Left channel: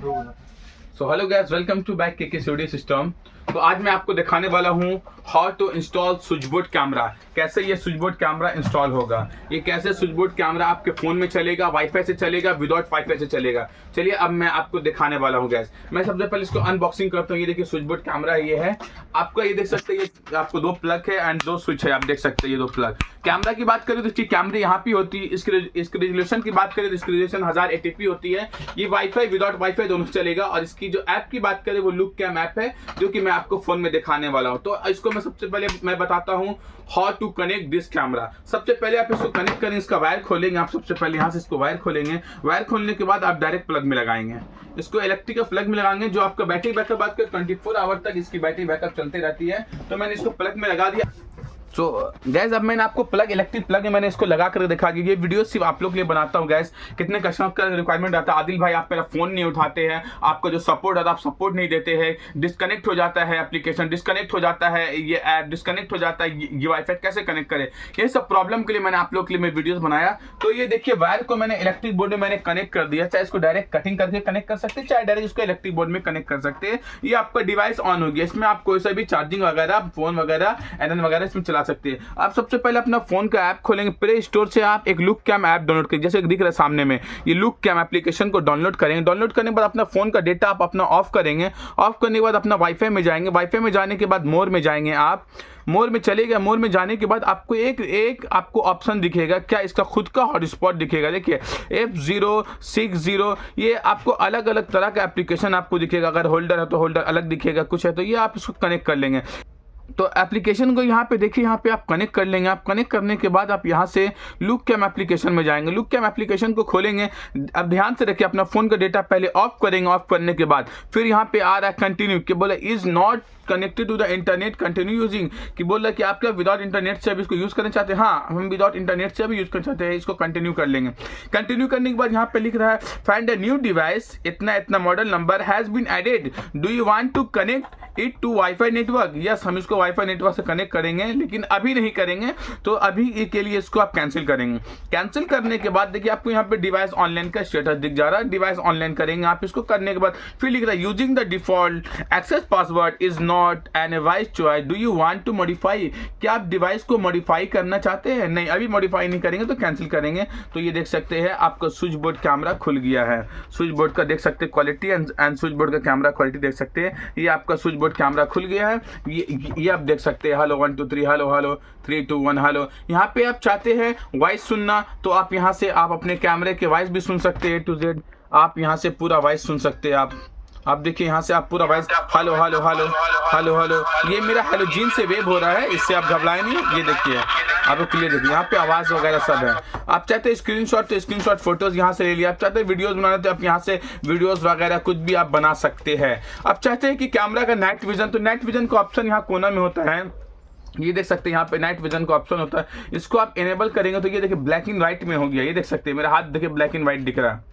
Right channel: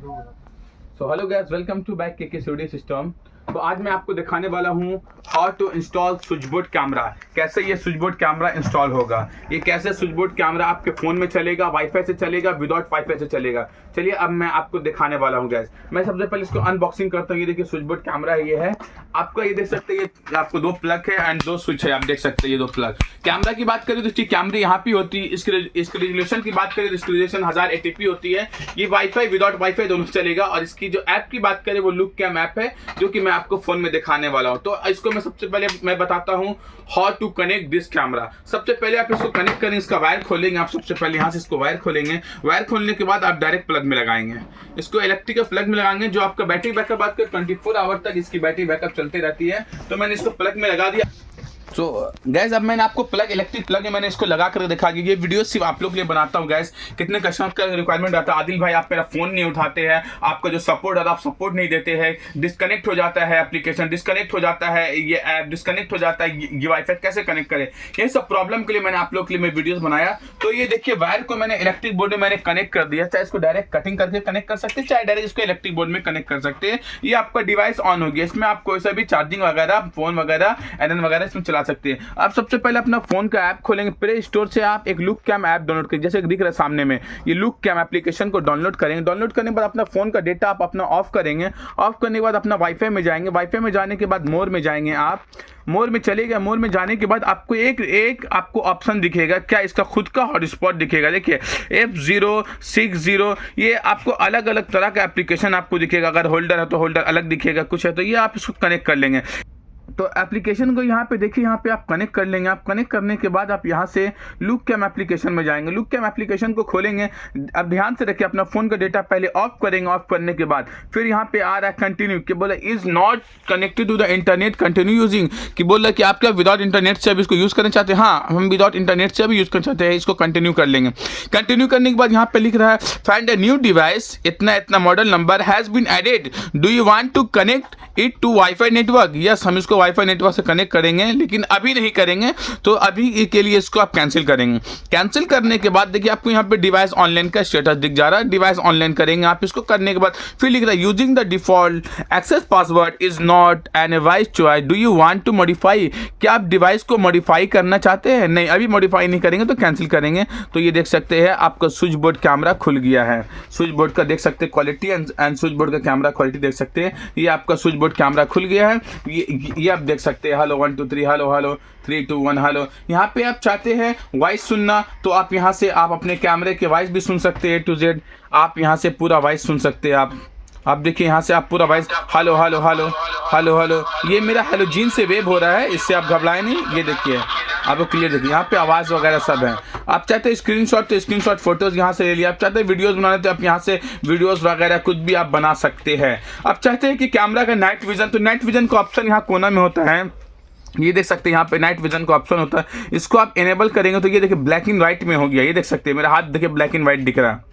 So hello guys, welcome to back k studio system. तो आज मैं आपको दिखाने वाला हूँ how to install switch board camera. कैसे ये स्विच बोर्ड कैमरा इंस्टॉल होगा, ये कैसे स्विच बोर्ड कैमरा आपके फ़ोन में चलेगा, वाईफाई से चलेगा, विदाउट वाईफाई से चलेगा। चलिए अब मैं आपको दिखाने वाला हूँ गाइस। मैं सबसे पहले इसको अनबॉक्सिंग करता हूँ। ये देखिए स्विच बोर्ड कैमरा ये है आपका, ये देख सकते हैं। ये आपको दो प्लग है एंड दो स्विच है, आप देख सकते हैं ये दो प्लग। कैमरा की बात करें तो इसकी कैमरा यहाँ पे होती है। इसकी रेजोल्यूशन की बात करें तो इसकी रेजोल्यूशन 1080p होती है। ये वाईफाई विदाउट वाईफाई दोनों से चलेगा। और इसकी जो ऐप की बात करें वो लुक कैम ऐप है, जो कि मैं आपको फोन में दिखाने वाला हूँ। तो इसको मैं सबसे पहले मैं बताता हूँ how to connect this camera. सबसे पहले आप इसको कनेक्ट करें, इसका वायर खोलेंगे। आप सबसे पहले यहाँ से इसको वायर खोलेंगे। वायर खोलने के बाद आप डायरेक्ट प्लग में लगाएंगे। इसको इलेक्ट्रिकल प्लग में लगाएंगे, जो आपका बैटरी बैकअप बात कर 24 आवर तक इसकी बैटरी बैकअप चलती रहती है। तो मैंने इसको प्लग में लगा दिया। सो गैस अब मैंने आपको प्लग इलेक्ट्रिक प्लग में मैंने इसको लगा कर दिखा दिया। ये वीडियो सिर्फ आप लोग के लिए बनाता हूँ गैस। कितने कस्टमर का रिक्वायरमेंट आता है, आदिल भाई आप मेरा फोन नहीं उठाते हैं, आपका जो सपोर्ट आता है आप सपोर्ट नहीं देते हैं, डिस्कनेक्ट हो जाता है एप्लीकेशन, डिस्कनेक्ट हो जाता है ये ऐप, डिस्कनेक्ट हो जाता है ये वाईफाई, कैसे कनेक्ट करें। ये सब प्रॉब्लम के लिए मैंने आप लोग के लिए मैं वीडियोस बनाया। तो ये देखिए वायर को मैंने इलेक्ट्रिक बोर्ड में मैंने कनेक्ट कर दिया। चाहे इसको डायरेक्ट कटिंग करके कनेक्ट कर सकते हैं, चाहे डायरेक्ट इसको इलेक्ट्रिक बोर्ड में कनेक्ट कर सकते हैं। ये आपका डिवाइस ऑन हो गया। इसमें आप कोई सा भी चार्जिंग वगैरह, फोन वगैरह, एनएन वगैरह इसमें चला सकते हैं। आप सबसे पहले अपना फोन का ऐप खोलेंगे, प्ले स्टोर से आप एक लुक कैम ऐप डाउनलोड करेंगे। जैसे दिख रहा है सामने में, ये लुक कैम एप्लीकेशन को डाउनलोड करेंगे। डाउनलोड करने के बाद अपना फोन का डेटा आप अपना ऑफ करेंगे। ऑफ करने के बाद अपना वाईफाई में जाएंगे। वाईफाई में जाने के बाद मोर में जाएंगे। आप मोर में चले गए। मोर में जाने के बाद आपको एक आपको ऑप्शन दिखेगा, क्या इसका खुद का हॉटस्पॉट दिखेगा। देखिए F060, ये आपको अलग अलग तरह का एप्लीकेशन आपको दिखेगा। अगर होल्डर है तो होल्डर अलग दिखेगा, कुछ है तो ये आप इसको कनेक्ट कर लेंगे। तो एप्लीकेशन को यहाँ पे देखिए, यहाँ पे आप कनेक्ट कर लेंगे। आप कनेक्ट करने के बाद आप यहाँ से लुक कैम एप्लीकेशन में जाएंगे। लुक कैम एप्लीकेशन को खोलेंगे। अब ध्यान से रखिए, अपना फोन का डेटा पहले ऑफ करेंगे। ऑफ करने के बाद फिर यहाँ पे आ रहा है कंटिन्यू, कि बोला is not connected to the internet, continue using, कि बोला कि आप क्या विदाउट इंटरनेट से अभी इसको यूज करना चाहते हैं। हाँ, हम विदाउट इंटरनेट से भी यूज करना चाहते हैं। इसको कंटिन्यू कर लेंगे। कंटिन्यू करने के बाद यहाँ पे लिख रहा है फाइंड अ न्यू डिवाइस, इतना इतना model number has been added, do you want to connect it to wifi network. Yes, हम इसको वाईफाई नेटवर्क से कनेक्ट करेंगे, लेकिन अभी नहीं करेंगे। तो अभी के लिए इसको आप कैंसिल करेंगे। कैंसिल करने के बाद देखिए आपको यहाँ पे डिवाइस ऑनलाइन का स्टेटस दिख जा रहा है। डिवाइस ऑनलाइन करेंगे आप इसको। करने के बाद फिर लिख रहा है using the default access password is not an wise choice, do you want to modify. क्या आप डिवाइस को मॉडिफाई करना चाहते हैं। नहीं, अभी मॉडिफाई नहीं करेंगे तो कैंसिल करेंगे। तो ये देख सकते हैं आपका स्विच बोर्ड कैमरा खुल गया है। स्विच बोर्ड का देख सकते हैं क्वालिटी एंड स्विच बोर्ड का कैमरा क्वालिटी देख सकते हैं। ये आपका स्विच बोर्ड कैमरा खुल गया है। ये आप देख सकते हैं। Hello 1 2 3, hello hello 3 2 1 hello. यहाँ पे आप चाहते हैं वॉइस सुनना, तो आप यहाँ से आप अपने कैमरे के वॉइस भी सुन सकते हैं A to Z। आप यहाँ से पूरा वॉइस सुन सकते हैं। आप देखिए यहाँ से आप पूरा voice hello hello hello hello hello. ये मेरा हेलोजीन से वेव हो रहा है, इससे आप घबराएं नहीं। ये देखिए आपको क्लियर देखिए, यहाँ पे आवाज़ वगैरह सब है। आप चाहते हैं स्क्रीनशॉट तो स्क्रीनशॉट फोटोज यहाँ से ले लिया। आप चाहते हैं वीडियोस बनाना तो आप यहाँ से वीडियोस वगैरह कुछ भी आप बना सकते हैं। आप चाहते हैं कि कैमरा का नाइट विजन, तो नाइट विजन का ऑप्शन यहाँ कोना में होता है। ये देख सकते हैं यहाँ पे नाइट विजन का ऑप्शन होता है। इसको आप इनेबल करेंगे तो ये देखिए ब्लैक एंड व्हाइट में हो गया। ये देख सकते हैं मेरा हाथ देखिए ब्लैक एंड व्हाइट दिख रहा है।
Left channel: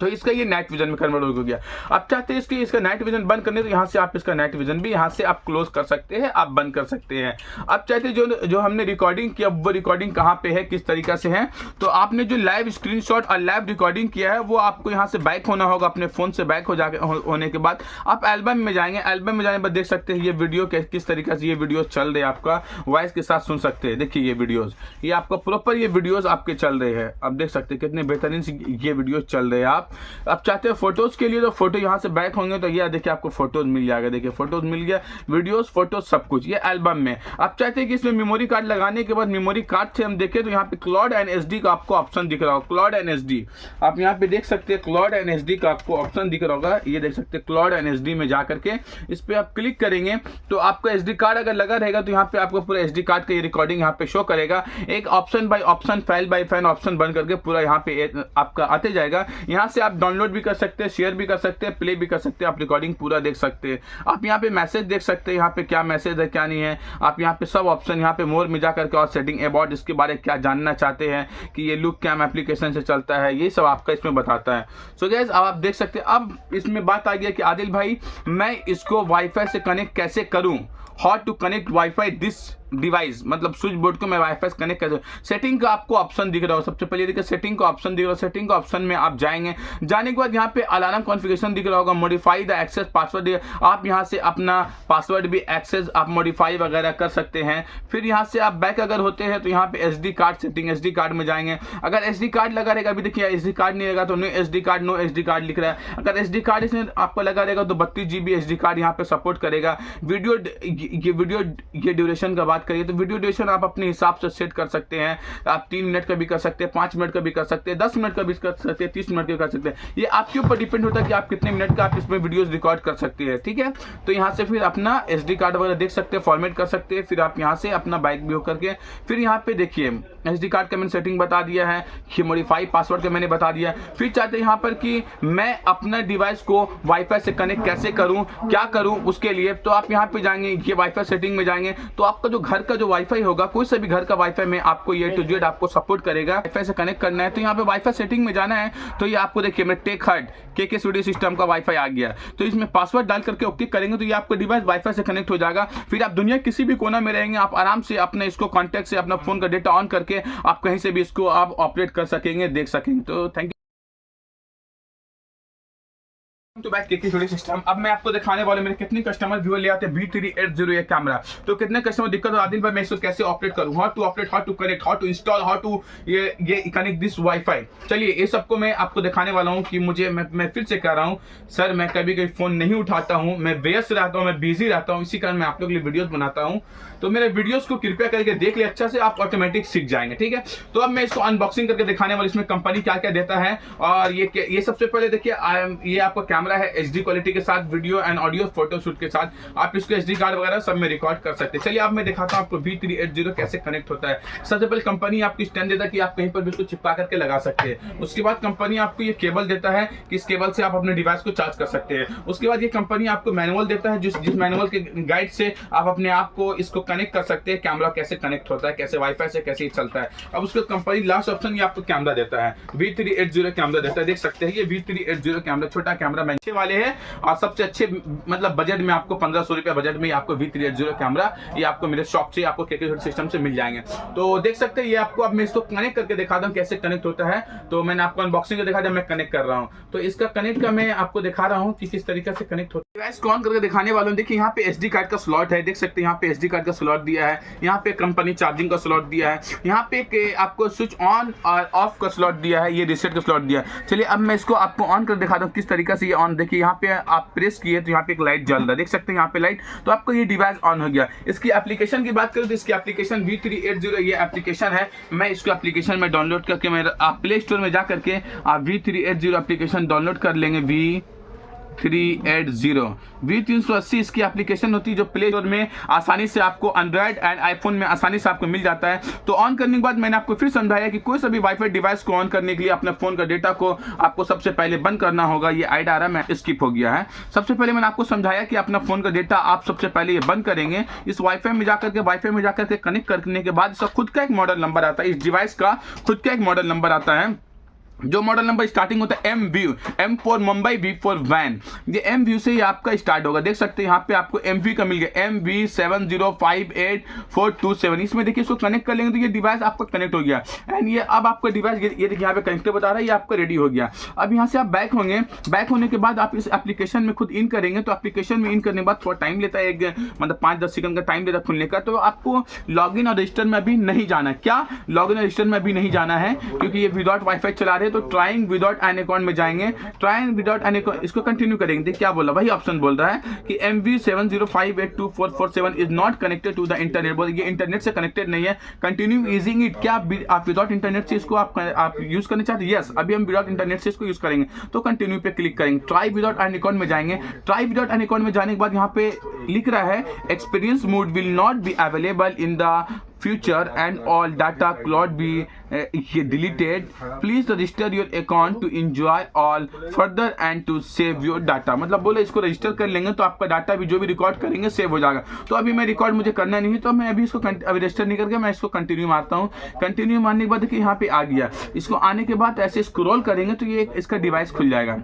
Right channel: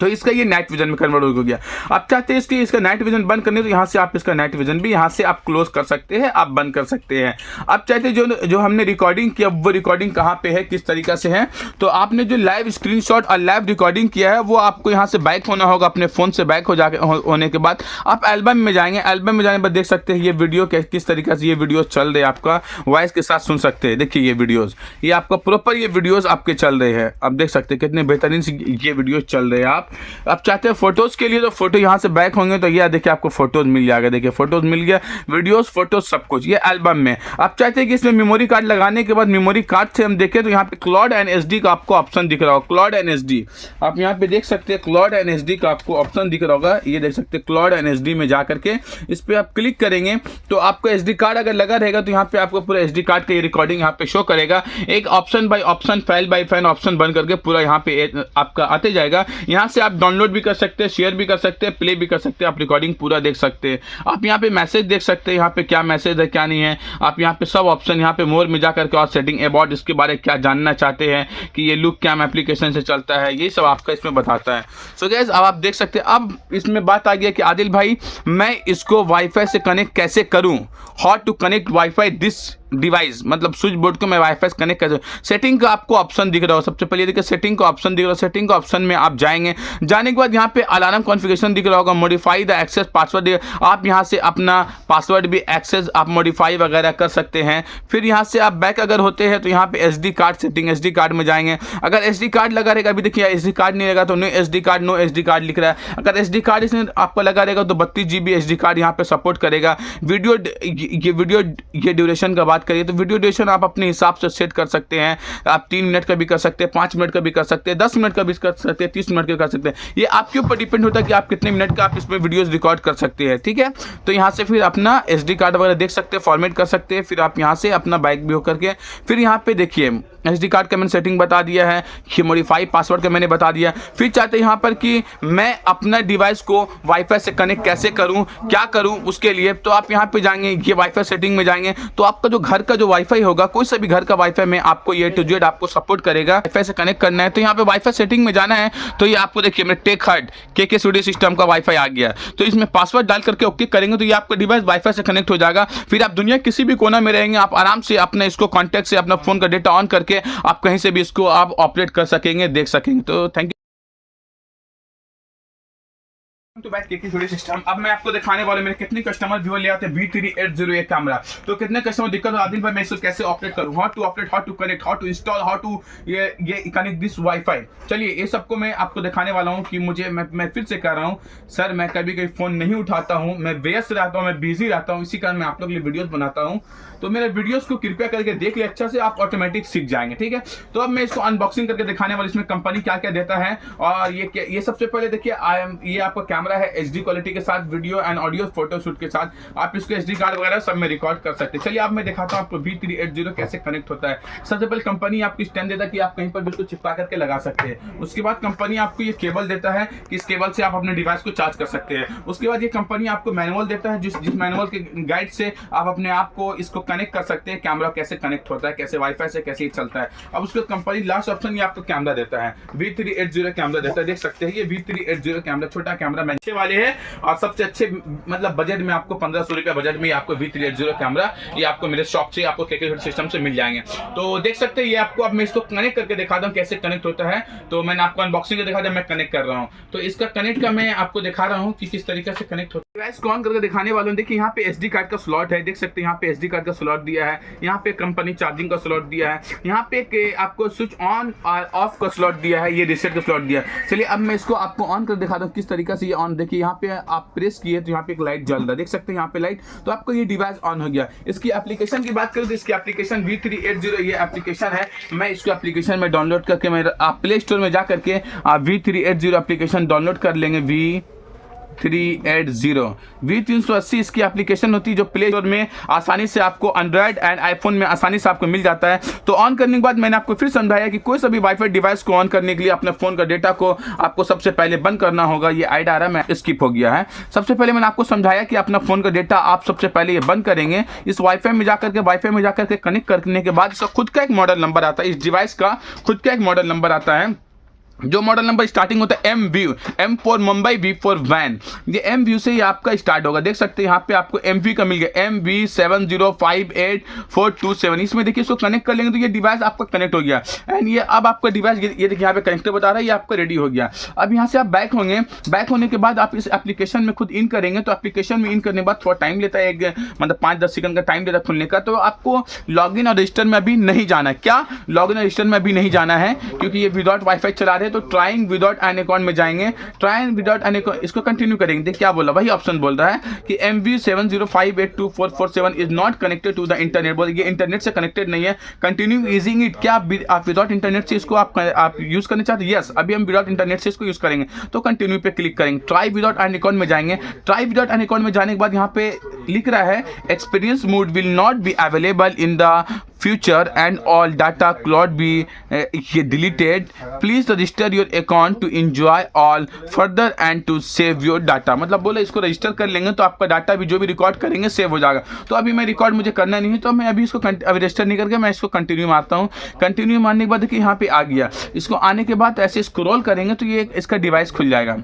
तो इसका ये नाइट विजन में कन्वर्ट हो गया। आप चाहते हैं इसका नाइट विजन बंद करने, तो यहाँ से आप इसका नाइट विजन भी यहाँ से आप क्लोज कर सकते हैं, आप बंद कर सकते हैं। आप चाहते हैं जो हमने रिकॉर्डिंग किया वो रिकॉर्डिंग कहाँ पे है, किस तरीका से है। तो आपने जो लाइव स्क्रीनशॉट और लाइव रिकॉर्डिंग किया है वो आपको यहाँ से बैक होना होगा। अपने फ़ोन से बैक होने के बाद आप एल्बम में जाएंगे। एल्बम में जाने पर देख सकते हैं ये वीडियो किस तरीके से ये वीडियो चल रहे हैं। आपका वॉइस के साथ सुन सकते हैं। देखिए ये वीडियोज़, ये आपका प्रॉपर ये वीडियोज़ आपके चल रहे हैं। आप देख सकते हैं कितने बेहतरीन से ये वीडियोज़ चल रहे हैं। आप चाहते हैं फोटोज के लिए तो फोटो यहाँ से बैक होंगे तो ये देखिए आपको फोटोज मिल जाएगा। देखिए फोटोज मिल गया, वीडियोस फोटोज सब कुछ ये एल्बम में। आप चाहते हैं कि इसमें मेमोरी कार्ड लगाने के बाद मेमोरी कार्ड से हम देखें तो यहाँ पे क्लाउड एंड एसडी का आपको ऑप्शन दिख रहा होगा। क्लाउड एंड एसडी आप यहाँ पे देख सकते हैं। क्लाउड एंड एसडी का आपको ऑप्शन दिख रहा होगा। ये देख सकते हैं क्लाउड एंड एसडी में जाकर के इस पर आप क्लिक करेंगे तो आपका एसडी कार्ड अगर लगा रहेगा तो यहाँ पे आपको पूरा एसडी कार्ड की रिकॉर्डिंग यहाँ पे शो करेगा। एक option by option, file by file option बन करके पूरा यहाँ पे आपका आते जाएगा। यहाँ से आप डाउनलोड भी कर सकते हैं, शेयर भी कर सकते हैं, प्ले भी कर सकते हैं। आप रिकॉर्डिंग पूरा देख सकते हैं। आप यहाँ पे मैसेज देख सकते हैं, यहाँ पे क्या मैसेज है क्या नहीं है। आप यहाँ पे सब ऑप्शन, यहाँ पे मोर में जाकर के और सेटिंग अबाउट, इसके बारे में क्या जानना चाहते हैं कि ये लुक कैम एप्लीकेशन से चलता है, ये सब आपका इसमें बताता है। सो गाइस अब आप देख सकते हैं। अब इसमें बात आ गया कि आदिल भाई मैं इसको वाईफाई से कनेक्ट कैसे करूँ, how to connect wifi this device मतलब स्विच बोर्ड को मैं वाईफाई से कनेक्ट कर, सेटिंग का आपको ऑप्शन दिख रहा हो। सबसे पहले देखिए सेटिंग का ऑप्शन दिख रहा है, सेटिंग का ऑप्शन में आप जाएंगे, जाने के बाद यहाँ पे अलार्म कॉन्फ़िगरेशन दिख रहा होगा, मॉडिफाई द एक्सेस पासवर्ड, आप यहाँ से अपना पासवर्ड भी एक्सेस आप मॉडिफाई वगैरह कर सकते हैं। फिर यहाँ से आप बैक अगर होते हैं तो यहाँ पे SD card setting, SD card में जाएंगे। अगर SD कार्ड लगा रहेगा, अभी देखिए SD कार्ड नहीं लगा तो no SD card, no SD card लिख रहा है। अगर SD कार्ड इसमें आपको लगा रहेगा तो 32 GB SD कार्ड यहाँ पे सपोर्ट करेगा। वीडियो ये ड्यूरेशन का बात करिए तो वीडियो ड्यूरेशन आप अपने हिसाब से सेट कर सकते हैं। आप 3 मिनट का भी कर सकते हैं, 5 मिनट का भी कर सकते हैं, 10 मिनट का भी कर सकते हैं, 30 मिनट का कर सकते हैं। ये आपके ऊपर डिपेंड होता है कि आप कितने मिनट का आप इसमें वीडियोस रिकॉर्ड कर सकते हैं, ठीक है। तो यहाँ से फिर अपना SD कार्ड वगैरह देख सकते हैं, फॉर्मेट कर सकते हैं। फिर आप यहाँ से अपना बैक भी हो करके फिर यहाँ पे देखिए SD कार्ड का मैंने सेटिंग बता दिया है, मॉडिफाई पासवर्ड का मैंने बता दिया। फिर चाहते हैं यहाँ पर कि मैं अपना डिवाइस को वाईफाई से कनेक्ट कैसे करूँ, क्या करूँ उसके लिए, तो आप यहाँ पे जाएंगे, ये वाईफाई सेटिंग में जाएंगे तो आपका जो घर का जो वाईफाई होगा, कोई सा भी घर का वाईफाई में आपको A to Z आपको सपोर्ट करेगा। वाईफाई से कनेक्ट करना है तो यहाँ पे वाईफाई सेटिंग में जाना है तो ये आपको देखिए मेरे टेक हट KK स्टूडियो सिस्टम का वाईफाई आ गया। तो इसमें पासवर्ड डाल करके ओके करेंगे तो ये आपका डिवाइस वाईफाई से कनेक्ट हो जाएगा। फिर आप दुनिया किसी भी कोना में रहेंगे, आप आराम से अपना इसको कॉन्टैक्ट से अपना फोन का डेटा ऑन करके आप कहीं से भी इसको आप ऑपरेट कर सकेंगे, देख सकेंगे। तो थैंक यू तो बैक KK स्टूडियो सिस्टम। अब मैं आपको दिखाने वाला हूं मेरे कितने कस्टमर व्यूअर ले आते हैं V380 ये कैमरा, तो कितने कस्टमर दिक्कत हो आदिल भाई मैं इसको कैसे ऑपरेट करूं, how to operate, how to connect, how to install, how to ये कनेक्ट दिस वाईफाई। चलिए ये सबको मैं आपको दिखाने वाला हूं कि मुझे मैं फिर से कह रहा हूं सर, मैं कभी कभी फोन नहीं उठाता हूं, मैं व्यस्त रहता हूं, मैं बिजी रहता हूं, इसी कारण मैं आप लोग के लिए वीडियोस बनाता हूं। तो मेरे वीडियोस को कृपया करके देख ले अच्छा से, आप ऑटोमेटिक सीख जाएंगे, ठीक है। तो अब मैं इसको अनबॉक्सिंग करके दिखाने वाला, इसमें कंपनी क्या क्या देता है। और ये सबसे पहले देखिए ये आपका कैमरा है HD क्वालिटी के साथ, video and audio photo shoot के साथ आप इसको SD कार्ड वगैरह सब में रिकॉर्ड कर सकते हैं। चलिए अब मैं दिखाता हूं आपको V380 कैसे कनेक्ट होता है। सबसे पहले कंपनी आपको स्टैंड देता है कि आप कहीं पर भी इसको चिपका करके लगा सकते हैं। उसके बाद कंपनी आपको ये केबल देता है कि इस केबल से आप अपने डिवाइस को चार्ज कर सकते हैं। उसके बाद ये कंपनी आपको मैनुअल देता है, जिस मैनुअल के गाइड से आप अपने आप को इसको कनेक्ट कर सकते हैं, कैमरा कैसे कनेक्ट होता है, कैसे वाईफाई से कैसे चलता है। अब उसके कंपनी लास्ट ऑप्शन ये आपको कैमरा देता है, V380 कैमरा देता है, देख सकते हैं ये V380 कैमरा, छोटा कैमरा महंगे वाले है और सबसे अच्छे मतलब बजट में आपको 1500 रुपया बजट में आपको V380 कैमरा ये आपको मेरे शॉप से आपको KK सिस्टम से मिल जाएंगे। तो देख सकते हैं ये आपको, अब मैं इसको कनेक्ट करके दिखाता हूँ कैसे कनेक्ट होता है। तो मैंने आपको अनबॉक्सिंग दिखा दिया, मैं कनेक्ट कर रहा हूँ। तो इसका कनेक्ट का मैं आपको दिखा रहा हूँ कि किस तरीके से कनेक्ट होता है। डिवाइस को ऑन करके दिखाने वाला हूँ। देखिए यहाँ पे SD कार्ड का स्लॉट है, देख सकते हैं यहाँ पे SD कार्ड का स्लॉट दिया है, यहाँ पे कंपनी चार्जिंग का स्लॉट दिया है, यहाँ पे आपको स्विच ऑन और ऑफ का स्लॉट दिया है, ये रीसेट का स्लॉट दिया है। चलिए अब मैं इसको आपको ऑन कर दिखाता हूँ किस तरीके से ये ऑन। देखिए यहाँ पे आप प्रेस किए तो यहाँ पे एक लाइट जल रहा है, देख सकते हैं यहाँ पे लाइट, तो आपको ये डिवाइस ऑन हो गया। इसकी एप्लीकेशन की बात करें तो इसकी एप्लीकेशन V380 ये एप्लीकेशन है, मैं इसको एप्लीकेशन में डाउनलोड करके मैं आप प्ले स्टोर में जा करके V380 एप्लीकेशन डाउनलोड कर लेंगे। V380 इसकी एप्लीकेशन होती है जो प्ले स्टोर में आसानी से आपको एंड्रॉयड एंड आईफोन में आसानी से आपको मिल जाता है। तो ऑन करने के बाद मैंने आपको फिर समझाया कि कोई सा भी वाईफाई डिवाइस को ऑन करने के लिए अपने फोन का डेटा को आपको सबसे पहले बंद करना होगा। ये आइड आ रहा है, मैं स्किप हो गया है। सबसे पहले मैंने आपको समझाया कि अपना फोन का डेटा आप सबसे पहले ये बंद करेंगे। इस वाईफाई में जाकर के कनेक्ट करने के बाद इसका खुद का एक मॉडल नंबर आता है, इस डिवाइस का खुद का एक मॉडल नंबर आता है, जो मॉडल नंबर स्टार्टिंग होता है MView, M for Mumbai, V for van. ये MView से ही आपका स्टार्ट होगा, देख सकते हैं यहाँ पे आपको MV का मिल गया, MV7058427। इसमें देखिए इसको कनेक्ट कर लेंगे तो ये डिवाइस आपका कनेक्ट हो गया। एंड ये अब आपका डिवाइस ये देखिए यहाँ पे कनेक्टर बता रहा है, ये आपका रेडी हो गया। अब यहाँ से आप बैक होंगे, बैक होने के बाद आप इस एप्लीकेशन में खुद इन करेंगे। तो एप्लीकेशन में इन करने के बाद थोड़ा टाइम लेता है, मतलब 5-10 सेकंड का टाइम लेता है खुलने का। तो आपको लॉग इन और रजिस्टर में अभी नहीं जाना है। क्या लॉग इन और रजिस्टर में अभी नहीं जाना है क्योंकि ये विदाउट वाईफाई चला रहे हैं। तो ट्राइंग विदाउट एन अकाउंट में जाएंगे, ट्राइंग विदाउट एन अकाउंट, इसको कंटिन्यू करेंगे। देखिए क्या बोला, वही ऑप्शन बोल रहा है कि MV705824447 is not connected to the internet. बोल ये इंटरनेट से कनेक्टेड नहीं है, कंटिन्यू यूजिंग इट। क्या आप विदाउट इंटरनेट से इसको आप यूज करना चाहते हैं? यस, अभी हम विदाउट इंटरनेट से इसको यूज करेंगे। तो कंटिन्यू पे क्लिक करेंगे, ट्राई विदाउट एन अकाउंट में जाएंगे। ट्राई विदाउट एन अकाउंट में जाने के बाद यहाँ पे लिख रहा है experience mode will not be available in the future and all data cloud be deleted, please register your account to enjoy all further and to save your data. मतलब बोले इसको रजिस्टर कर लेंगे तो आपका डाटा भी जो भी रिकॉर्ड करेंगे सेव हो जाएगा। तो अभी मैं रिकॉर्ड मुझे करना नहीं है, तो मैं अभी इसको रजिस्टर नहीं करके मैं इसको कंटिन्यू मारता हूँ। कंटिन्यू मारने के बाद देखिए यहाँ पे आ गया। इसको आने के बाद ऐसे स्क्रॉल करेंगे तो ये इसका डिवाइस खुल जाएगा।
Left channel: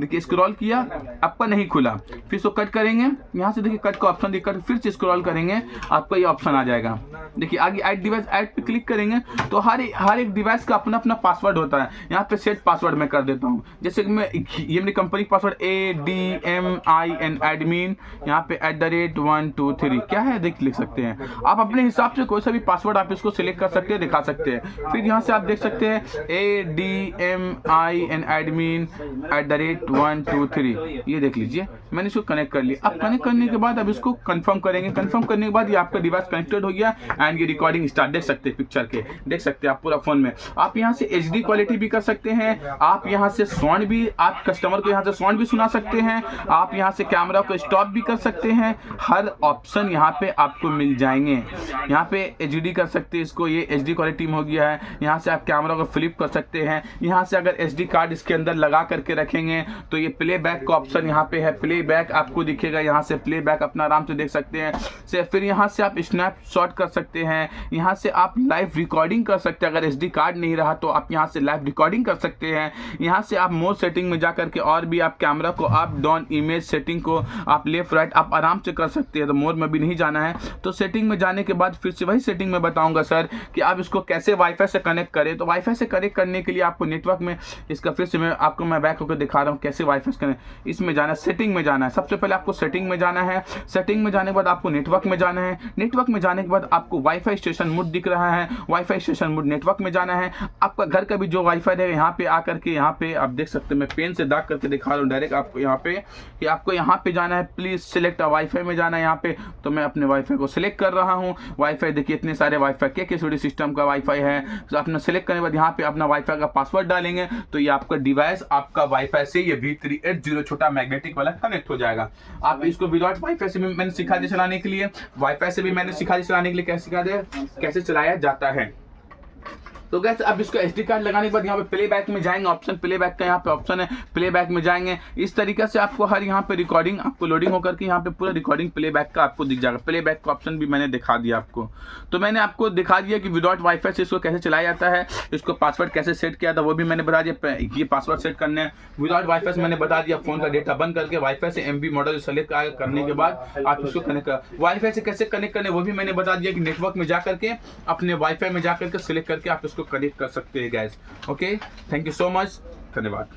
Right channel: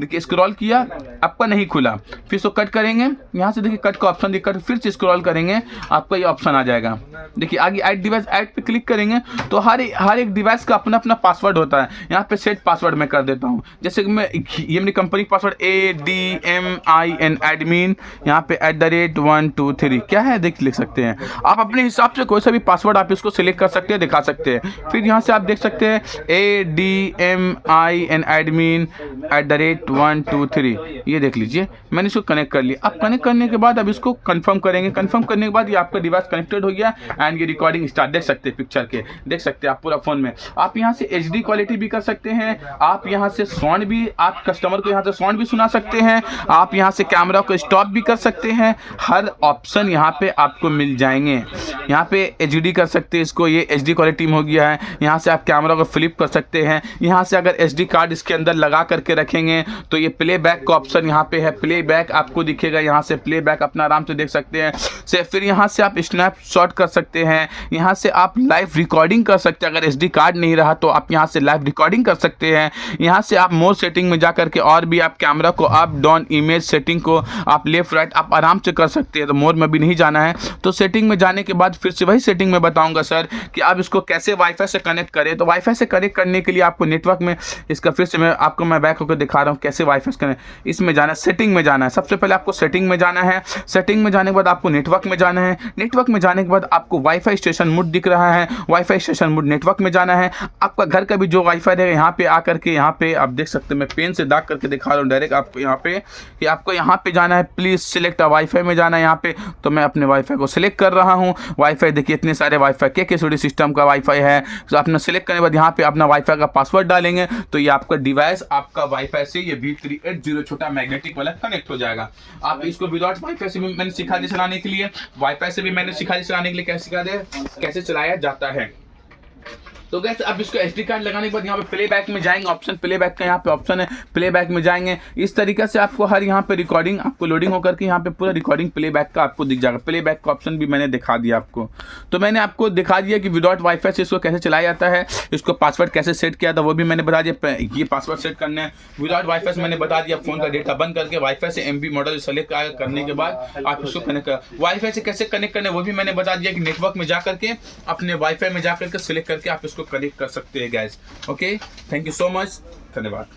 देखिए स्क्रॉल किया, आपका नहीं खुला, फिर इसको कट करेंगे, यहाँ से देखिए कट का ऑप्शन दिखा, फिर से स्क्रॉल करेंगे, आपका ये ऑप्शन आ जाएगा। देखिए आगे ऐड डिवाइस, ऐड पे क्लिक करेंगे तो हर एक डिवाइस का अपना अपना पासवर्ड होता है। यहाँ पे सेट पासवर्ड मैं कर देता हूँ, जैसे कि मैं ये मेरी कंपनी पासवर्ड ADMIN एडमिन, यहाँ पे @123 क्या है देख लिख सकते हैं। आप अपने हिसाब से कोई सा भी पासवर्ड आप इसको सिलेक्ट कर सकते हैं, दिखा सकते हैं। फिर यहाँ से आप देख सकते हैं ADMIN एडमिन @123, ये देख लीजिए मैंने इसको कनेक्ट कर लिया। अब कनेक्ट करने के बाद अब इसको कंफर्म करेंगे। कंफर्म करने के बाद ये आपका डिवाइस कनेक्टेड हो गया एंड ये रिकॉर्डिंग स्टार्ट देख सकते हैं, पिक्चर के देख सकते हैं आप पूरा फोन में। आप यहाँ से HD क्वालिटी भी कर सकते हैं, आप यहाँ से साउंड भी, आप कस्टमर को यहाँ से साउंड भी सुना सकते हैं, आप यहाँ से कैमरा को स्टॉप भी कर सकते हैं। हर ऑप्शन यहाँ पे आपको मिल जाएंगे। यहाँ पे HD कर सकते हैं इसको, ये HD क्वालिटी में हो गया है। यहाँ से आप कैमरा को फ्लिप कर सकते हैं। यहाँ से अगर SD कार्ड इसके अंदर लगा करके रखेंगे तो ये प्लेबैक का ऑप्शन यहाँ पे है, प्लेबैक आपको दिखेगा। यहाँ से प्लेबैक अपना आराम से देख सकते हैं। फिर यहाँ से आप स्नैपशॉट कर सकते हैं, यहाँ से आप लाइव रिकॉर्डिंग कर सकते हैं। अगर SD कार्ड नहीं रहा तो आप यहाँ से लाइव रिकॉर्डिंग कर सकते हैं। यहाँ से आप मोर सेटिंग में जा करके और भी आप कैमरा को अप डाउन, इमेज सेटिंग को आप लेफ्ट राइट आप आराम से कर सकते हैं। तो मोर में भी नहीं जाना है, तो सेटिंग में जाने के बाद फिर से वही सेटिंग में बताऊंगा सर कि आप इसको कैसे वाईफाई से कनेक्ट करें। तो वाईफाई से कनेक्ट करने के लिए आपको नेटवर्क में इसका फिर से मैं बैक होकर दिखा रहा हूँ कैसे वाईफाई से कनेक्ट। इसमें जाना है, सेटिंग में जाना है। सबसे पहले आपको सेटिंग में जाना है। सेटिंग में जाने के बाद आपको नेटवर्क में जाना है। नेटवर्क में जाने के बाद आपको वाईफाई स्टेशन मोड दिख रहा है, वाईफाई स्टेशन मोड नेटवर्क में जाना है। आपका घर का भी जो वाईफाई है यहाँ पे आकर के, यहाँ पे आप देख सकते हैं, मैं पेन से दाग करके दिखा रहा हूँ डायरेक्ट आपको यहाँ पे कि आपको यहाँ पे जाना है। प्लीज सिलेक्ट वाईफाई में जाना है यहाँ पे। तो मैं अपने वाईफाई को सिलेक्ट कर रहा हूँ। वाईफाई देखिए इतने सारे वाईफाई के सिस्टम का वाईफाई है। तो आपने सिलेक्ट करने के बाद यहाँ पे अपना वाईफाई का पासवर्ड डालेंगे तो ये आपका डिवाइस आपका वाईफाई से ये V380 छोटा मैग्नेटिक वाला कनेक्ट हो जाएगा। आप इसको विदाउट वाईफाई से भी मैंने सिखा दिया चलाने के लिए, वाईफाई से भी मैंने सिखा दिया चलाने के लिए, कैसे सिखा दे कैसे चलाया जाता है। तो गैस अब इसको SD कार्ड लगाने के बाद यहाँ पे प्लेबैक में जाएंगे, ऑप्शन प्लेबैक का यहाँ पे ऑप्शन है, प्लेबैक में जाएंगे। इस तरीके से आपको हर यहाँ पे रिकॉर्डिंग आपको लोडिंग होकर के यहाँ पे पूरा रिकॉर्डिंग प्लेबैक का आपको दिख जाएगा। प्लेबैक का ऑप्शन भी मैंने दिखा दिया आपको। तो मैंने आपको दिखा दिया कि विदाउट वाईफाई से इसको कैसे चलाया जाता है, इसको पासवर्ड कैसे सेट किया था वो भी मैंने बता दिया। ये पासवर्ड सेट करना है विदाउट वाईफाई से मैंने बता दिया। फोन का डेटा बंद करके वाईफाई से MB मॉडल सेलेक्ट करने के बाद आप इसको कनेक्ट कर, वाईफाई से कैसे कनेक्ट करने वो भी मैंने बता दिया कि नेटवर्क में जा करके अपने वाईफाई में जा करके सिलेक्ट करके आप इसको कनेक्ट कर सकते हैं guys. Okay, thank you so much, धन्यवाद।